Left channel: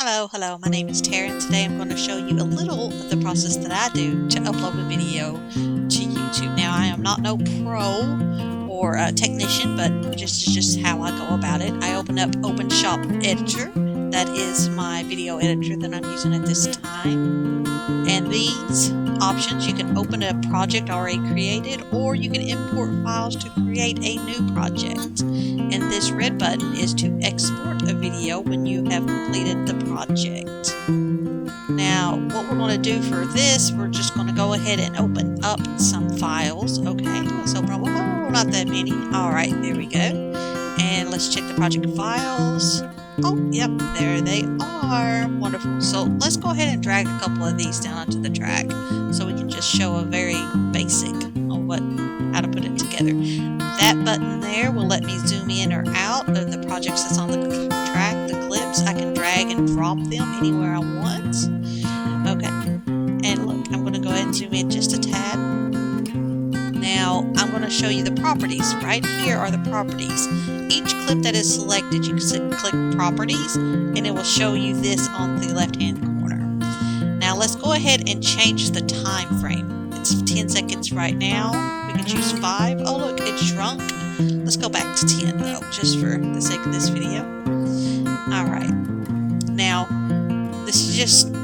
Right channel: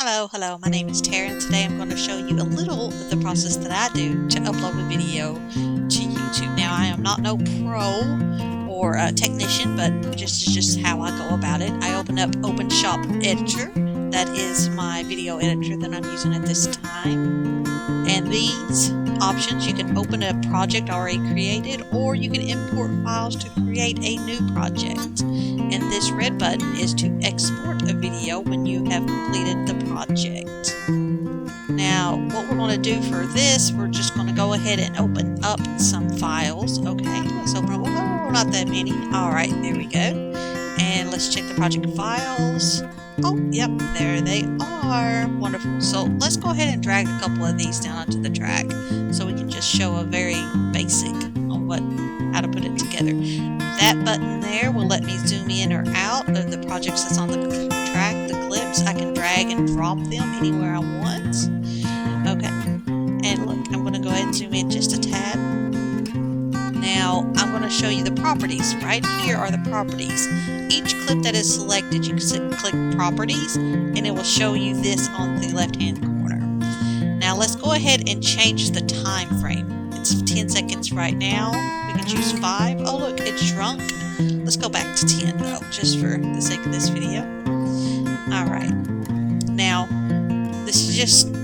Hello, my name is Tara and today I'm going to show you a little of the process that I do to upload a video to YouTube. Now I am not no pro or a technician, but just how I go about it. I open up OpenShot Editor. That is my video editor that I'm using at this time. And these options, you can open a project already created or you can import files to create a new project. And this red button is to export a video when you have completed the project. Now, what we're going to do for this, we're just going to go ahead and open up some files. Okay, let's open up. Whoa, not that many. Alright, there we go. And let's check the project files. Oh, yep, there they are. Wonderful. So let's go ahead and drag a couple of these down onto the track so we can just show a very basic of how to put it together. That button there will let me zoom in or out of the projects that's on the track, the clips. I can drag and drop them anywhere I want. Okay, and look, I'm going to go ahead and zoom in just a tad. Now, I'm going to show you the properties. Right here are the properties. Each clip that is selected, you can click Properties, and it will show you this on the left-hand corner. Now, let's go ahead and change the time frame. It's 10 seconds right now. We can choose 5. Oh look, it shrunk. Let's go back to 10 though, just for the sake of this video. Alright. Now, this is just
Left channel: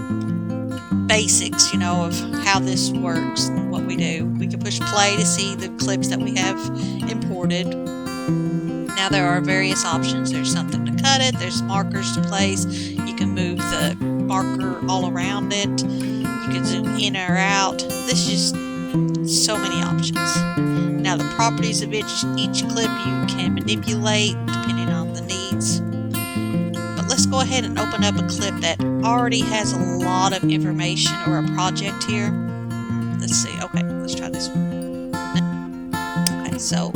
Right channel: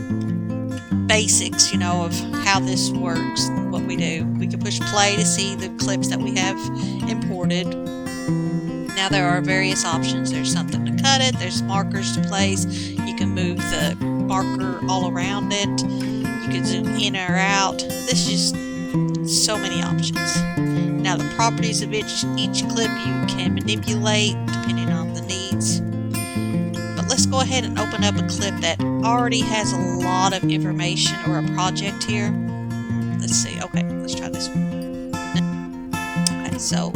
basics, of how this works and what we do. We can push play to see the clips that we have imported. Now there are various options. There's something to cut it. There's markers to place. You can move the marker all around it. You can zoom in or out. This is just so many options. Now the properties of each clip you can manipulate depending on the needs. But let's go ahead and open up a clip that already has a lot of information or a project here. Let's see. Okay, let's try this one. Okay, so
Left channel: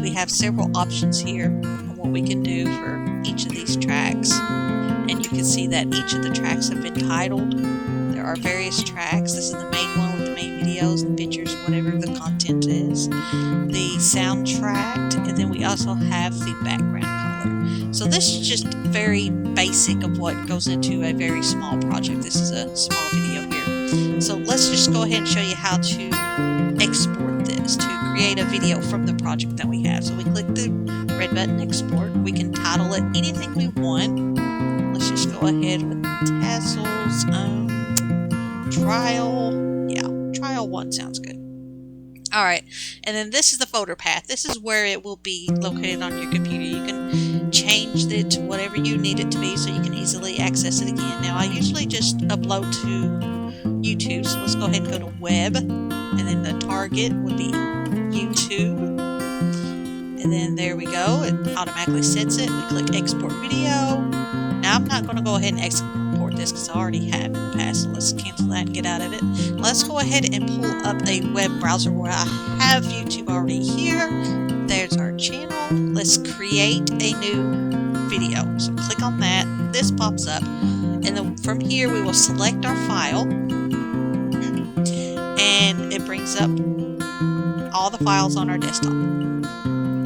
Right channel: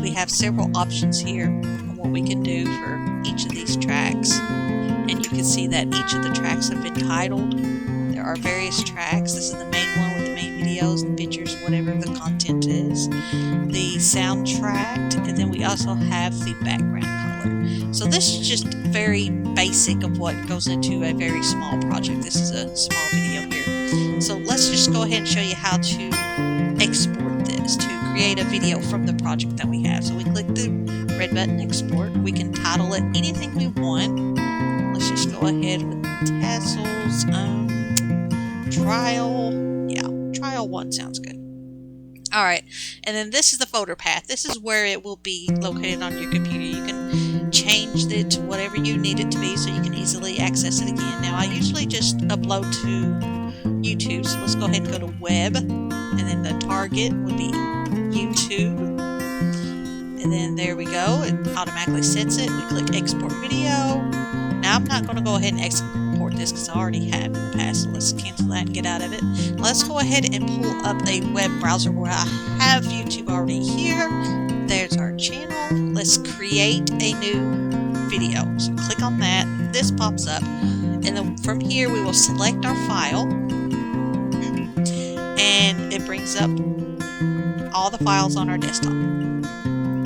we have several options here on what we can do for each of these tracks. And you can see that each of the tracks have been titled. There are various tracks. This is the main one with the main videos and pictures, whatever the content is. The soundtrack, and then we also have the background color. So this is just very basic of what goes into a very small project. This is a small video here. So let's just go ahead and show you how to export this to create a video from the project that we have. So we click the red button, Export. We can title it anything we want. Let's just go ahead with tassels, trial. Yeah, trial 1 sounds good. Alright, and then this is the folder path. This is where it will be located on your computer. You can change it to whatever you need it to be so you can easily access it again. Now I usually just upload to YouTube, so let's go ahead and go to web, and then the target would be YouTube. And then there we go, it automatically sets it. We click export video. Now I'm not going to go ahead and export this because I already have in the past, so let's cancel that and get out of it. Let's go ahead and pull up a web browser where I have YouTube already here. There's our channel. Let's create a new video. So click on that. This pops up, and then from here we will select our file, and it brings up all the files on our desktop.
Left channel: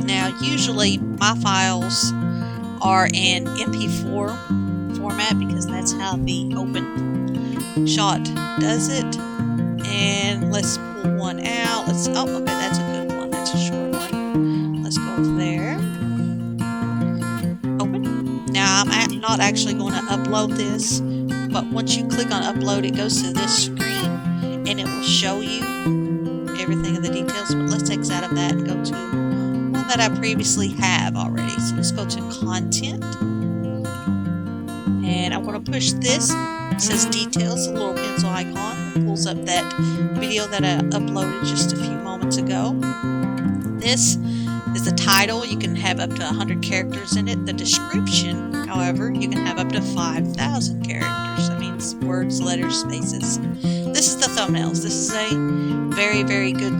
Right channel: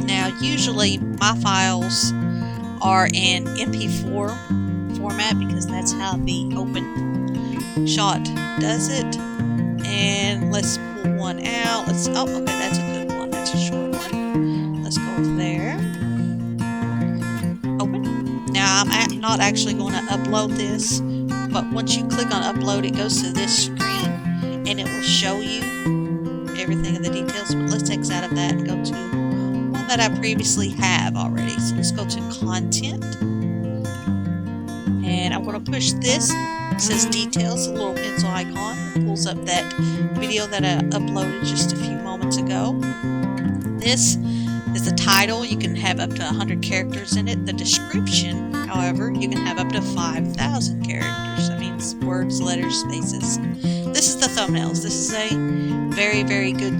Now usually my files are in MP4 format because that's how the OpenShot does it. And let's pull one out. Oh, okay, that's a good one. That's a short one. Let's go there. Open. Now I'm not actually going to upload this, but once you click on upload, it goes to this screen and it will show you everything of the details. But let's exit out of that and go to one that I previously have already. So let's go to content, and I'm going to push this. It says details, the little pencil icon. It pulls up that video that I uploaded just a few moments ago. This is the title. You can have up to 100 characters in it. The description, however, you can have up to 5,000 characters. That means words, letters, spaces. This is the thumbnails. This is a very, very good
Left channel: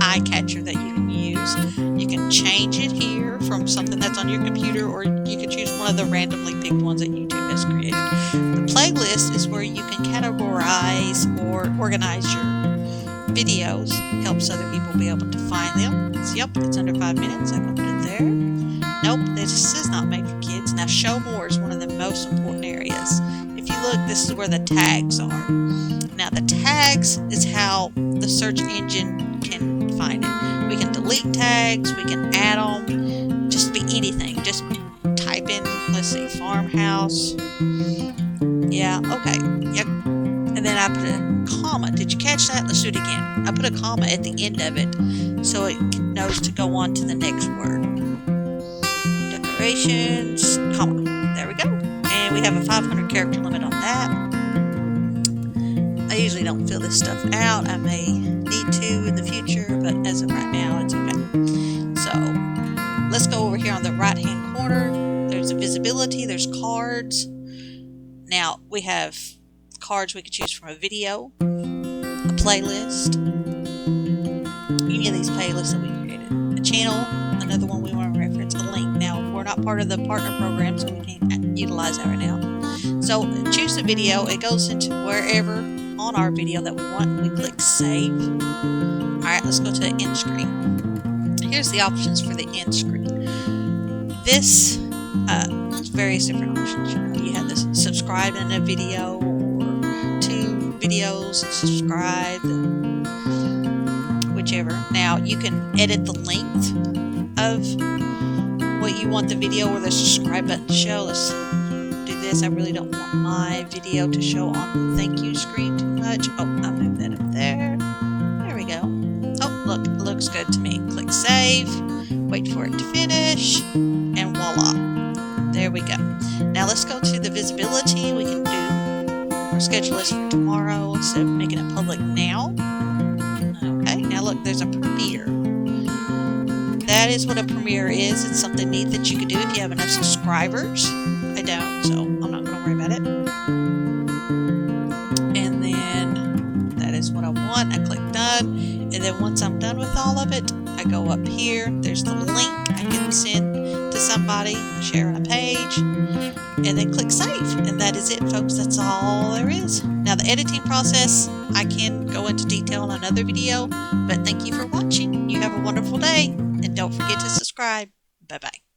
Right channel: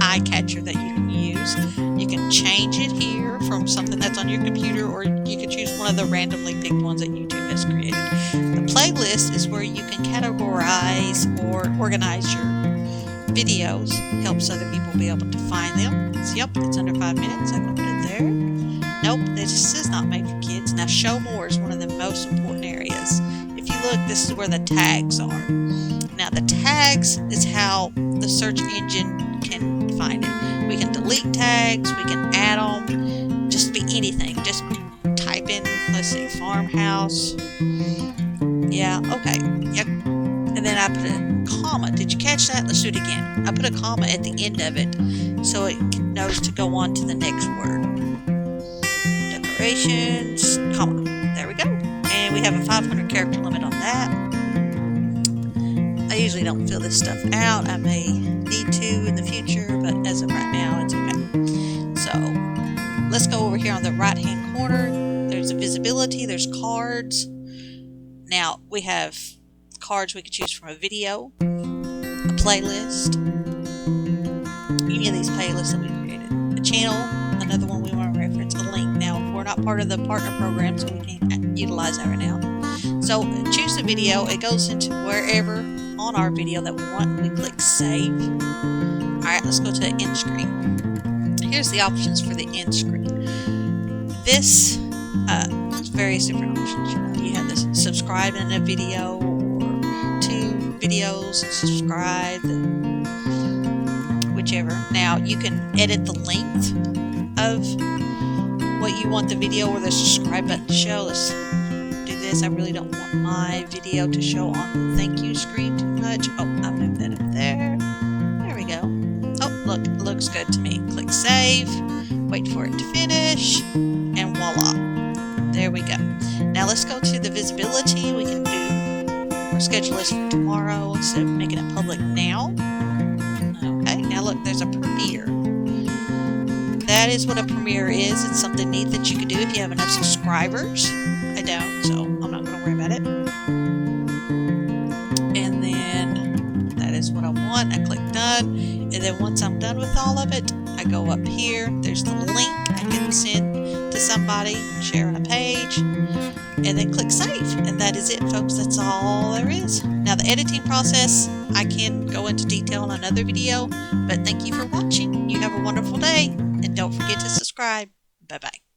eye catcher that you can use. You can change it here from something that's on your computer, or you can choose one of the randomly picked ones that YouTube has created. The playlist is where you can categorize or organize your videos. Helps other people be able to find them. So, yep, it's under 5 minutes. I can put it there. Nope, this is not made for kids. Now, show more is one of the most important areas. If you look, this is where the tags are. Now, the tags is how the search engine can find it. We can delete tags, we can add them, just be anything. Just type in, let's see, farmhouse. Yeah, okay. Yep. And then I put a comma. Did you catch that? Let's do it again. I put a comma at the end of it so it knows to go on to the next word. Decorations, comma. There we go. And we have a 500 character limit on that. I usually don't fill this stuff out. I may need to in the future, but as of right now, it's okay. So let's go over here on the right hand corner. There's a visibility, there's cards. Now we have cards we could choose from a video, a playlist, any of these playlists that we created, a channel, another one we want to reference, a link. Now we're not part of the partner program, so we can't utilize that right now. So choose the video. It goes into wherever on our video that we want, and we click save. Alright, let's go to the end screen. Here's the options for the end screen. This various different options. You know, you have this subscribe in a video, or 2 videos and subscribe, and whichever. Now you can edit the length of what you want the video or the subscribe button to show. Let's do this. I really don't want my video to show on the thank you screen too much. Oh, I moved that up there. There we go. Oh, look, it looks good to me. Click save, wait for it to finish, and voila. There we go. Now let's go to the visibility. We can do or schedule this for tomorrow instead of making it public now. Okay, now look, there's a premiere. That is what a premiere is. It's something neat that you could do if you have enough subscribers. I don't, so I'm not going to worry about it. And then that is what I want. I click done. And then once I'm done with all of it, I go up here. There's the link I can send to somebody, share on a page, and then click save. And that is it, folks. That's all there is. Now the editing process, I can go into detail in another video, but thank you for watching. You have a wonderful day, and don't forget to subscribe. Bye-bye.